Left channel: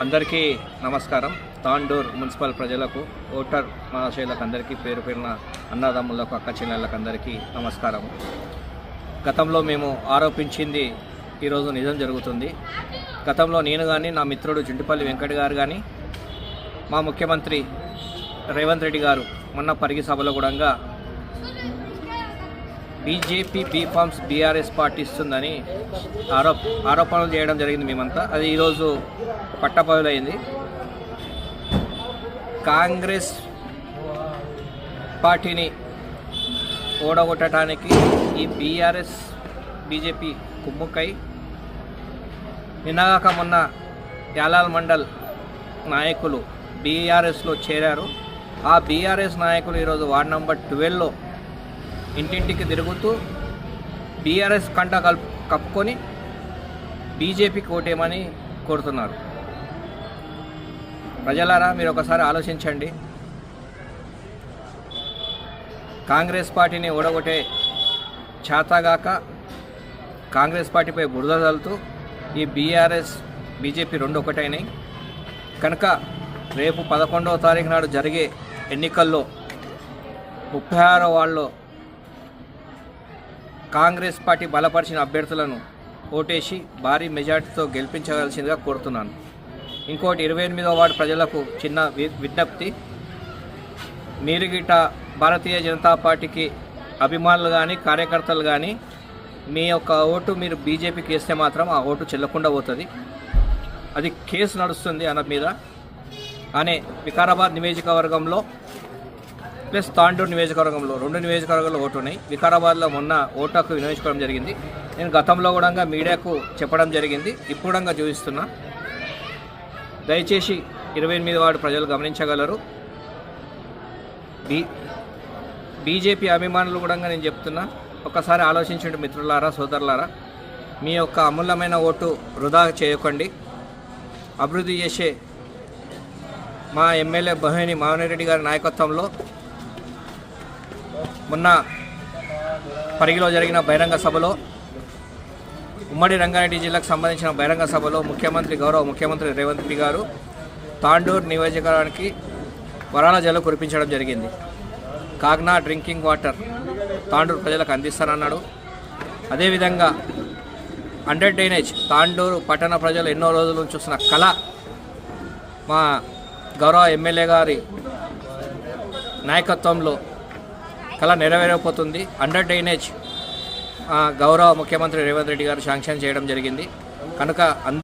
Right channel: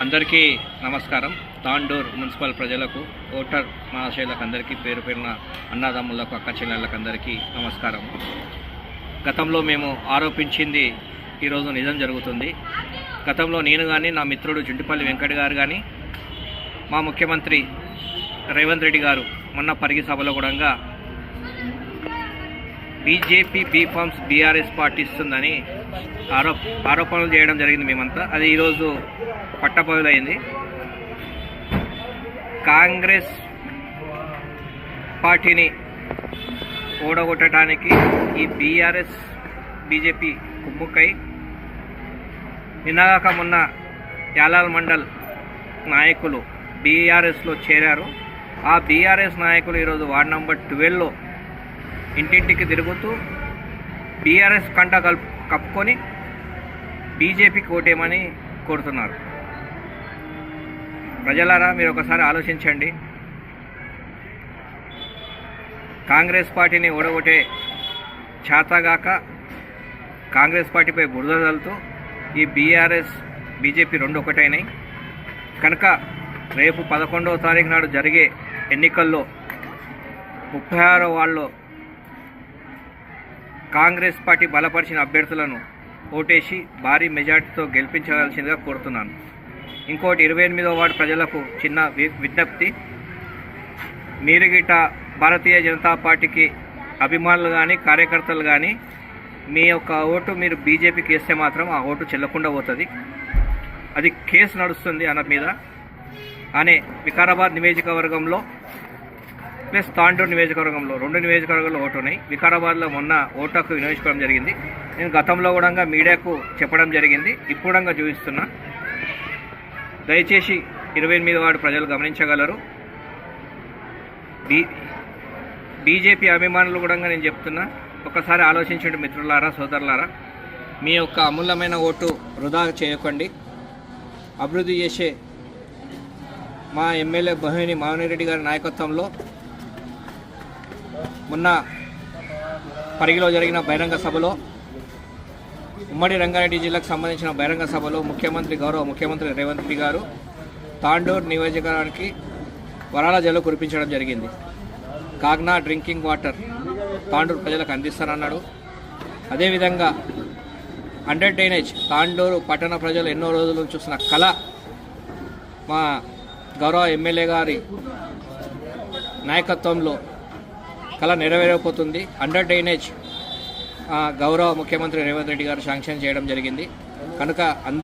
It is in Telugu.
అందరికీ నమస్కారం. తాండూర్ మున్సిపల్ ప్రజలకు, ఓటర్ మహాశయులకు అందరికీ, పేరు పేరున అన్నదమ్ములకు, అక్క చెల్లెళ్ళకు అందరికీ నమస్కారం. గతంలో మేము ఆరోపించింది ఈరోజు నిజం జరుగుతుంది. గతంలో నేను కానీ, నా మిత్రుడు జుంటిపల్లి వెంకట గారు కానీ, మా ముఖ్యమంత్రి రేవంత్ రెడ్డి గారు మొన్న పరిగి సభలో కూడా బీజేపీ బీఫామ్స్ బీఆర్ఎస్ పార్టీ ఇస్తుందని ఆరోపణలు చేయడం జరిగింది మేమంతా. అది ఈరోజు పట్టబయలైంది. కాంగ్రెస్ పార్టీని ఓడగొట్టడానికి ఈ బీఆర్ఎస్ బీజేపీ కుమ్ముక్కై నిన్నగాక మొన్న యాలాల్ మండల్ నాయకులు బీఆర్ఎస్లో చేరారు. ఆ బీఆర్ఎస్ నాయకులు ఈరోజు వార్డ్ నంబర్ 12లో ఇంటింటికి తిరుగుతూ బీఆర్ఎస్ కంట కప్పుకొని బీజేపీకి ఓటేమని కోరుతున్నారు. ప్రజలారా, మీరు ఒకసారి ఆలోచించండి. కాంగ్రెస్ పార్టీని ఓడగొట్టే చేతగాక కాంగ్రెస్ పార్టీపై బురద చల్లుతూ ఈ బీఆర్ఎస్ బీజేపీ రెండు ఒకటైనాయి కనుక రేపు 11వ తారీఖు నాడు జరిగే ఎన్నికల్లో 36 వార్డులో కాంగ్రెస్ పార్టీ బలపరిచిన అభ్యర్థులను ఓటేసి భారీ మెజార్టీతో గెలిపించవలసిందిగా కోరుతున్నాను. ఇంకోటి 28వ వార్డు ప్రజలకు చిన్న విజ్ఞప్తి. మీరు గిట్ట భారతీయ జనతా పార్టీకి అభిమానులు కానీ, కార్యకర్తలు కానీ మీ యొక్క ఓటు మీరు బీజేపీకి వేస్తే మాత్రం ఆ ఓటు చెల్లకుండా పోతుంది. అది కేసు నడుస్తుంది అన్న మీద అనే వికారాబాద్ నియోజకవర్గంలో ప్లస్ తాండూరు నియోజకవర్గంలో 2 నియోజకవర్గాల్లో ఓటు ఉన్నాయి. వికారాబాద్లో మొన్న ఓటు హక్కు వినియోగించుకోవడం జరిగింది. నేను గతంలో కూడా మీడియాకు చెప్పడం జరిగింది, ఇప్పుడు కూడా చూపిస్తున్నా. దయచేసి 28వ వార్డు ప్రజలు గమనించగలరు. బీజేపీ అభిమానులు కూడా నేను చెప్తున్నా, ఒకసారి ఆలోచించండి మిత్రులారా, సోదరులారా. మీ యొక్క అమూల్యమైన ఓటు వృధా చేయకండి. అభివృద్ధి చేసే మా ఎమ్మెల్యే బహిని మావినేరెడ్డి గారి నాయకత్వంలో మొన్న పరిగిలో జరిగిన బహిరంగ సభలో, ఉమ్మడి రంగారెడ్డి జిల్లాకు సంబంధించిన బహిరంగ సభలో గౌరవ ముఖ్యమంత్రి రేవంత్ రెడ్డి గారు తాండూర్ నియోజకవర్గానికి వరాల జల్లు కురిపించడం జరిగింది. కాగ్నా డ్రింకింగ్ వాటర్ తాండూరు ప్రజలకు అందిస్తానన్నాడు. అదేవిధంగా 100 డ్రైనేజ్ తాండూరు పట్టణ ప్రజలు ఎన్నో రోజుల చూసిన కళ మా గౌరవ ఎమ్మెల్యే గారి నాయకత్వంలో కళ నెరవేరకపోతుంది. 100 డ్రైనేజ్ గౌరవ ముఖ్యమంత్రి రేవంత్ రెడ్డి గారు శాంక్షన్ చేయడం జరిగింది కనుక